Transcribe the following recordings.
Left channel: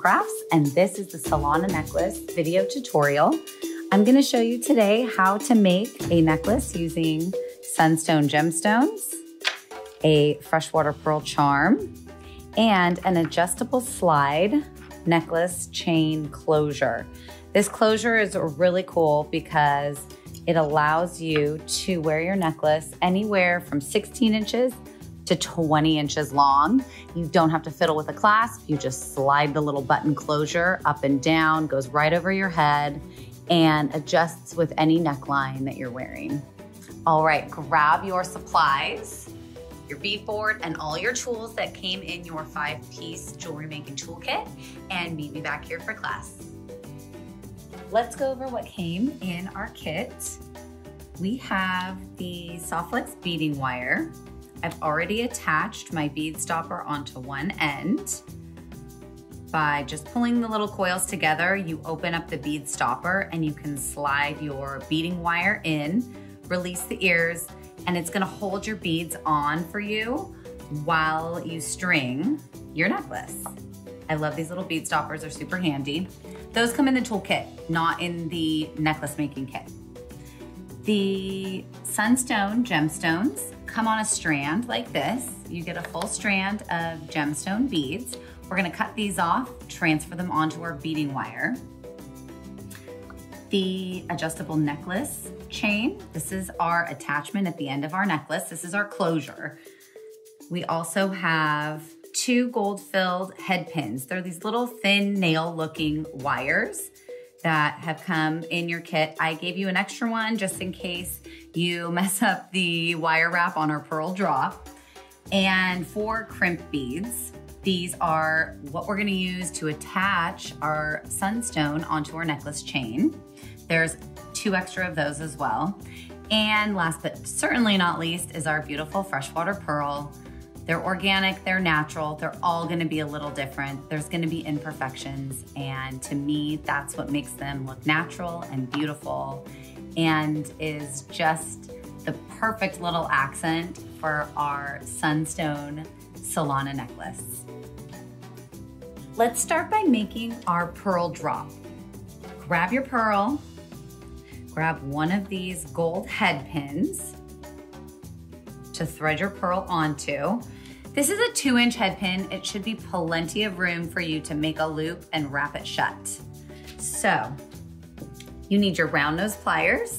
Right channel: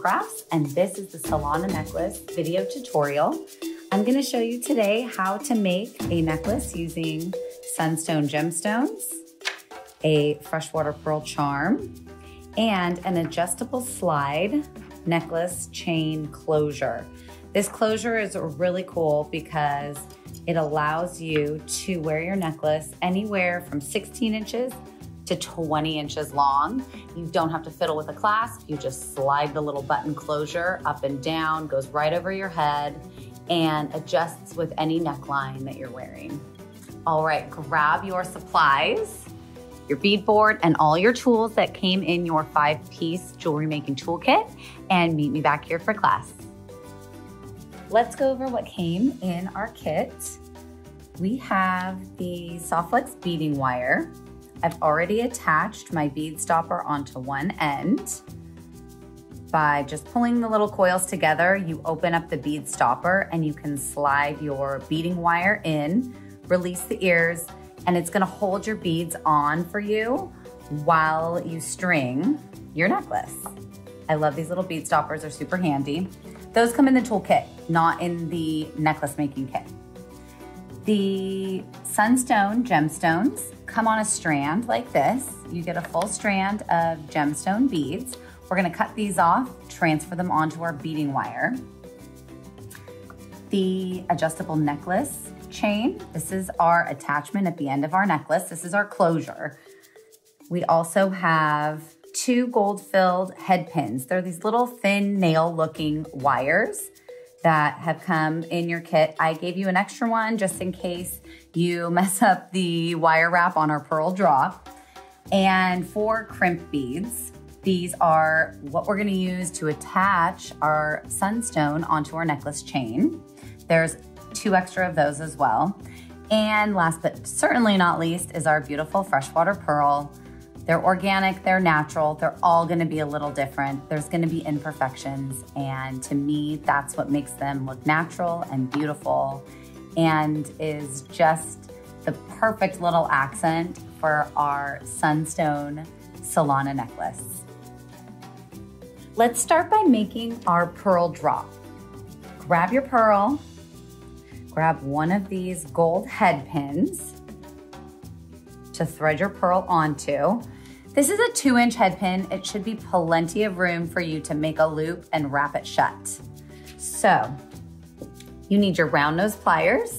Crafts, and this is the Solana necklace video tutorial. I'm going to show you today how to make a necklace using Sunstone gemstones, a freshwater pearl charm, and an adjustable slide necklace chain closure. This closure is really cool because it allows you to wear your necklace anywhere from 16 inches to 20 inches long. You don't have to fiddle with a clasp. You just slide the little button closure up and down, goes right over your head, and adjusts with any neckline that you're wearing. All right, grab your supplies, your beadboard, and all your tools that came in your 5-piece jewelry making toolkit, and meet me back here for class. Let's go over what came in our kit. We have the Softflex beading wire. I've already attached my bead stopper onto one end. By just pulling the little coils together, you open up the bead stopper and you can slide your beading wire in, release the ears, and it's gonna hold your beads on for you while you string your necklace. I love these little bead stoppers, they're super handy. Those come in the toolkit, not in the necklace making kit. The Sunstone gemstones come on a strand like this. You get a full strand of gemstone beads. We're gonna cut these off, transfer them onto our beading wire. The adjustable necklace chain, this is our attachment at the end of our necklace. This is our closure. We also have 2 gold-filled head pins. They're these little thin nail-looking wires that have come in your kit. I gave you an extra one just in case you mess up the wire wrap on our pearl drop. And 4 crimp beads. These are what we're gonna use to attach our sunstone onto our necklace chain. There's 2 extra of those as well. And last but certainly not least is our beautiful freshwater pearl. They're organic, they're natural, they're all gonna be a little different. There's gonna be imperfections, and to me, that's what makes them look natural and beautiful and is just the perfect little accent for our Sunstone Solana necklace. Let's start by making our pearl drop. Grab your pearl, grab one of these gold head pins to thread your pearl onto. This is a 2-inch head pin. It should be plenty of room for you to make a loop and wrap it shut. So, you need your round nose pliers.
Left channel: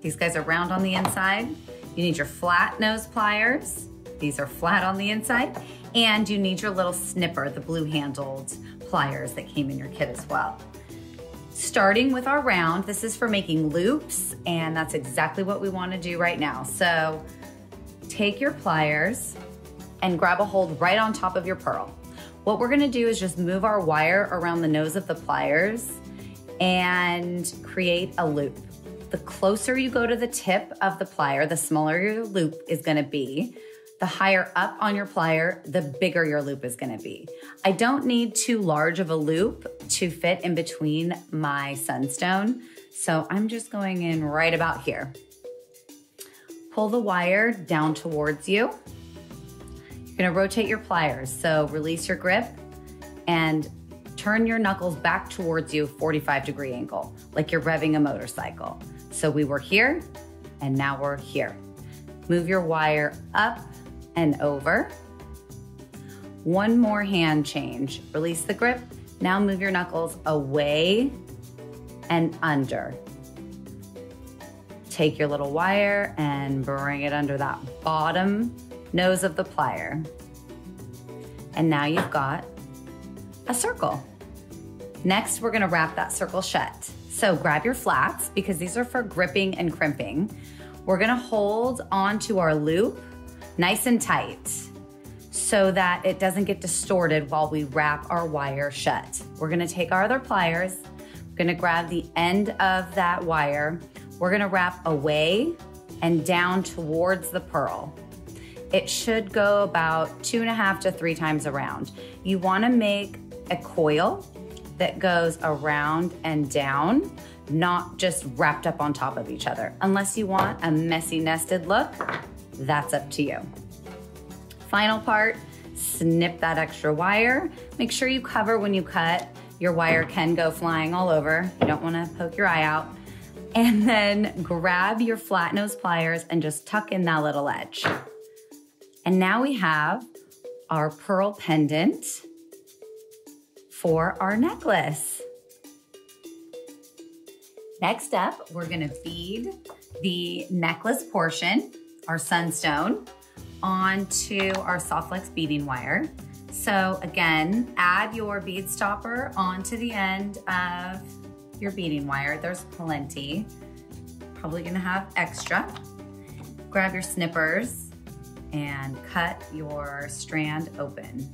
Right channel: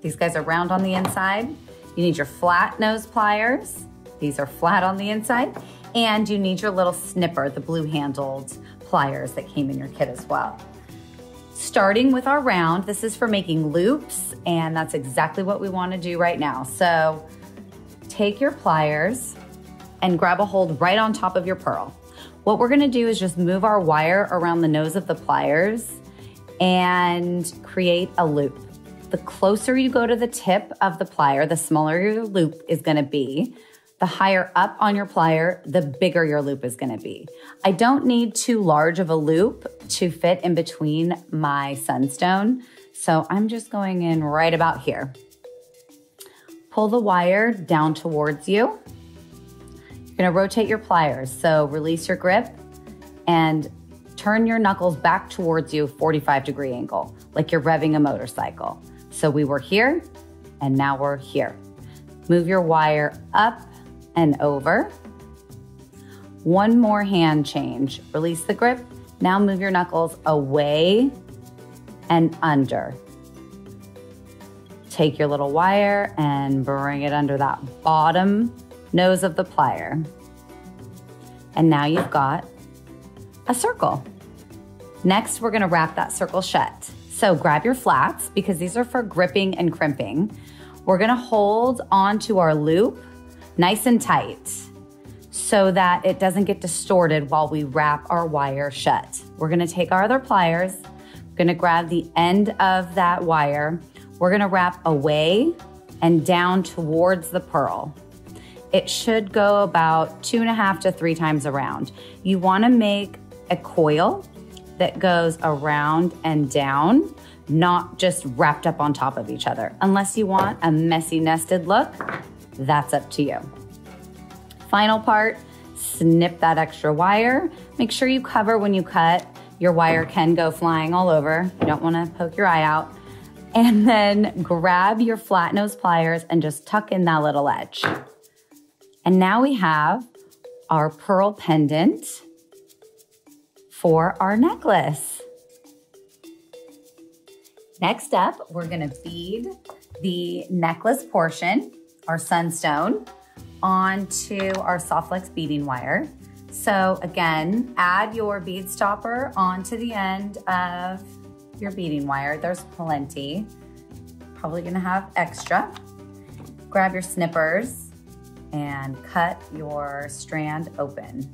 These guys are round on the inside. You need your flat nose pliers. These are flat on the inside. And you need your little snipper, the blue handled pliers that came in your kit as well. Starting with our round, this is for making loops, and that's exactly what we want to do right now. So take your pliers and grab a hold right on top of your pearl. What we're gonna do is just move our wire around the nose of the pliers and create a loop. The closer you go to the tip of the plier, the smaller your loop is gonna be. The higher up on your plier, the bigger your loop is gonna be. I don't need too large of a loop to fit in between my sunstone, so I'm just going in right about here. Pull the wire down towards you. You're gonna rotate your pliers, so release your grip and turn your knuckles back towards you, 45-degree angle, like you're revving a motorcycle. So we were here, and now we're here. Move your wire up and over. One more hand change. Release the grip. Now move your knuckles away and under. Take your little wire and bring it under that bottom nose of the plier. And now you've got a circle. Next, we're gonna wrap that circle shut. So grab your flats, because these are for gripping and crimping. We're gonna hold onto our loop nice and tight so that it doesn't get distorted while we wrap our wire shut. We're gonna take our other pliers, gonna grab the end of that wire. We're gonna wrap away and down towards the pearl. It should go about 2.5 to 3 times around. You wanna make a coil that goes around and down, not just wrapped up on top of each other. Unless you want a messy nested look, that's up to you. Final part, snip that extra wire. Make sure you cover when you cut. Your wire can go flying all over. You don't wanna poke your eye out. And then grab your flat nose pliers and just tuck in that little edge. And now we have our pearl pendant for our necklace. Next up, we're gonna bead the necklace portion, our Sunstone, onto our soft flex beading wire. So again, add your bead stopper onto the end of your beading wire. There's plenty. Probably gonna have extra. Grab your snippers and cut your strand open.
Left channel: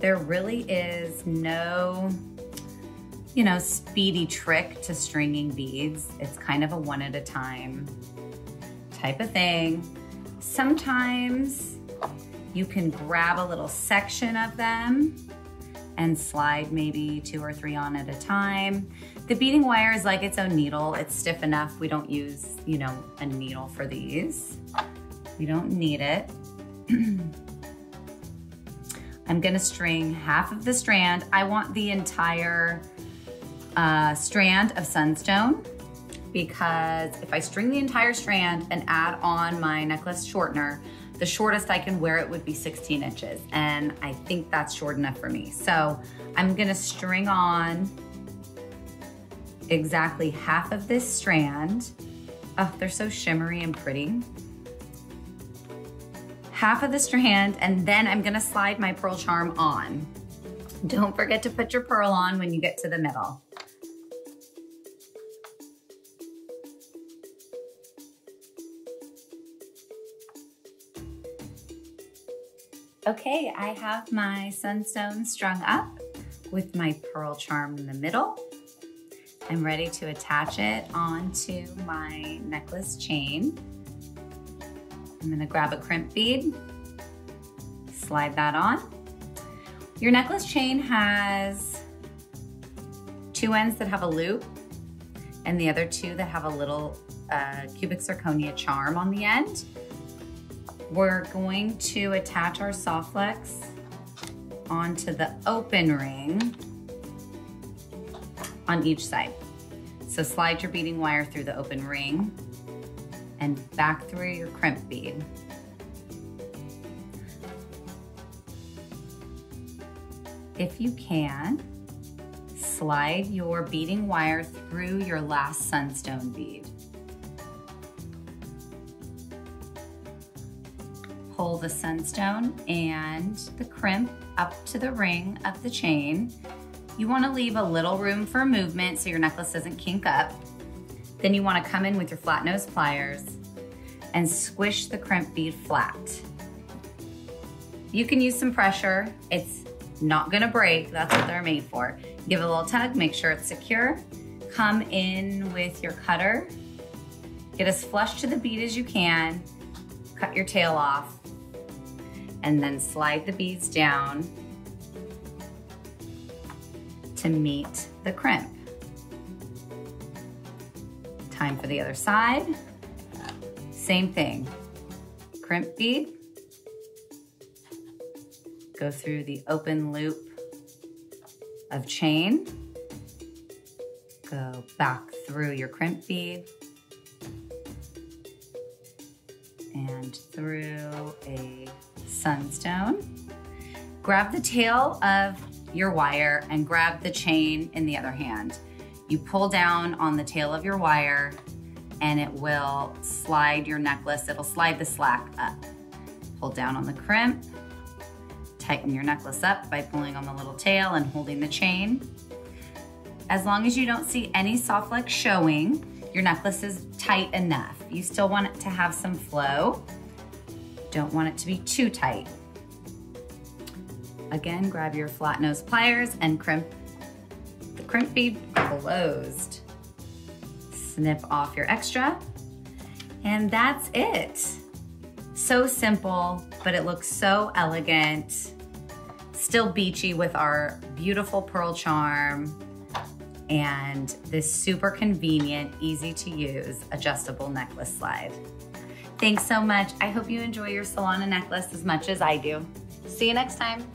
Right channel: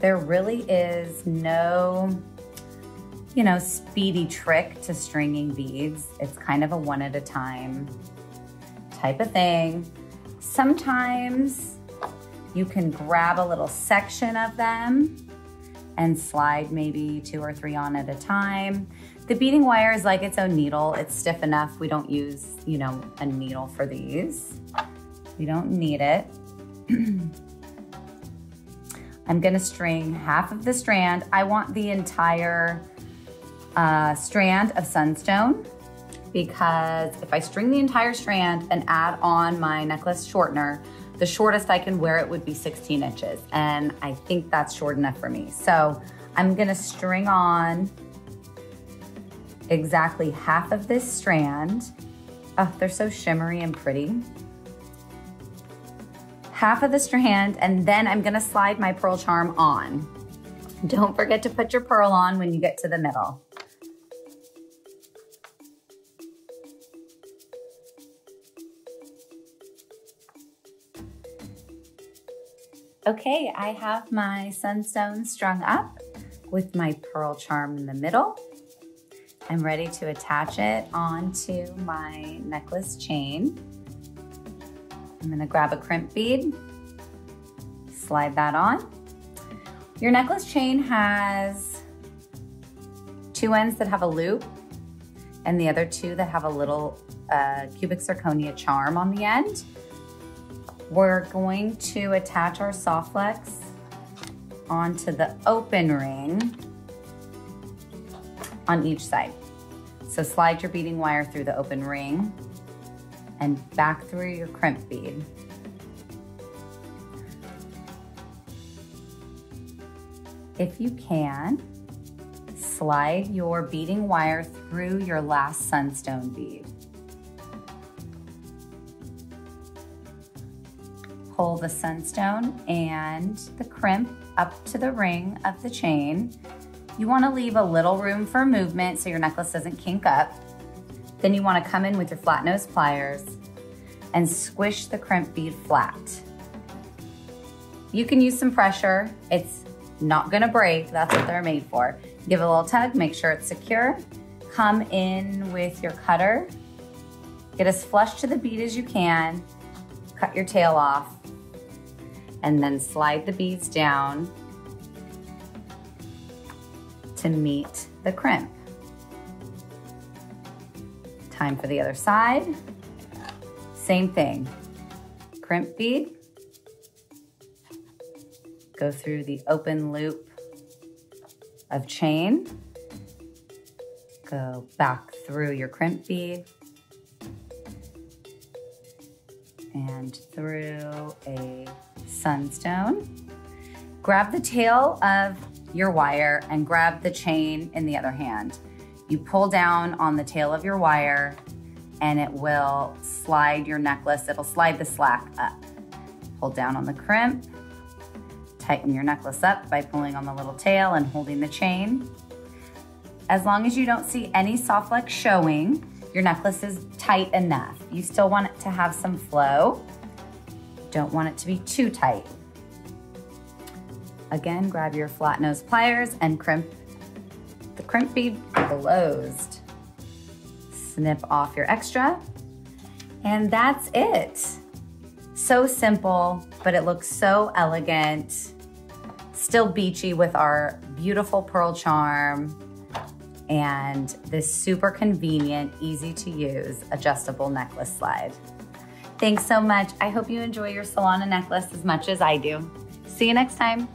There really is no, speedy trick to stringing beads. It's kind of a one at a time type of thing. Sometimes you can grab a little section of them and slide maybe 2 or 3 on at a time. The beading wire is like its own needle. It's stiff enough. We don't use, a needle for these. We don't need it. I'm gonna string half of the strand. I want the entire strand of Sunstone, because if I string the entire strand and add on my necklace shortener, the shortest I can wear it would be 16 inches. And I think that's short enough for me. So I'm gonna string on exactly half of this strand. Oh, they're so shimmery and pretty. Half of the strand, and then I'm gonna slide my pearl charm on. Don't forget to put your pearl on when you get to the middle. Okay, I have my Sunstone strung up with my pearl charm in the middle. I'm ready to attach it onto my necklace chain. I'm gonna grab a crimp bead, slide that on. Your necklace chain has 2 ends that have a loop and the other 2 that have a little cubic zirconia charm on the end. We're going to attach our soft flex onto the open ring on each side. So slide your beading wire through the open ring and back through your crimp bead. If you can, slide your beading wire through your last Sunstone bead. Pull the Sunstone and the crimp up to the ring of the chain. You wanna leave a little room for movement so your necklace doesn't kink up. Then you wanna come in with your flat nose pliers and squish the crimp bead flat. You can use some pressure. It's not gonna break, that's what they're made for. Give it a little tug, make sure it's secure. Come in with your cutter. Get as flush to the bead as you can. Cut your tail off. And then slide the beads down to meet the crimp. Time for the other side. Same thing. Crimp bead. Go through the open loop of chain. Go back through your crimp bead. And through a Sunstone. Grab the tail of your wire and grab the chain in the other hand. You pull down on the tail of your wire and it will slide your necklace, it'll slide the slack up. Pull down on the crimp, tighten your necklace up by pulling on the little tail and holding the chain. As long as you don't see any soft flex showing, your necklace is tight enough. You still want it to have some flow. Don't want it to be too tight. Again, grab your flat nose pliers and crimp the crimp bead closed. Snip off your extra, and that's it. So simple, but it looks so elegant. Still beachy with our beautiful pearl charm. and this super convenient, easy to use adjustable necklace slide. Thanks so much. I hope you enjoy your Solana necklace as much as I do. See you next time.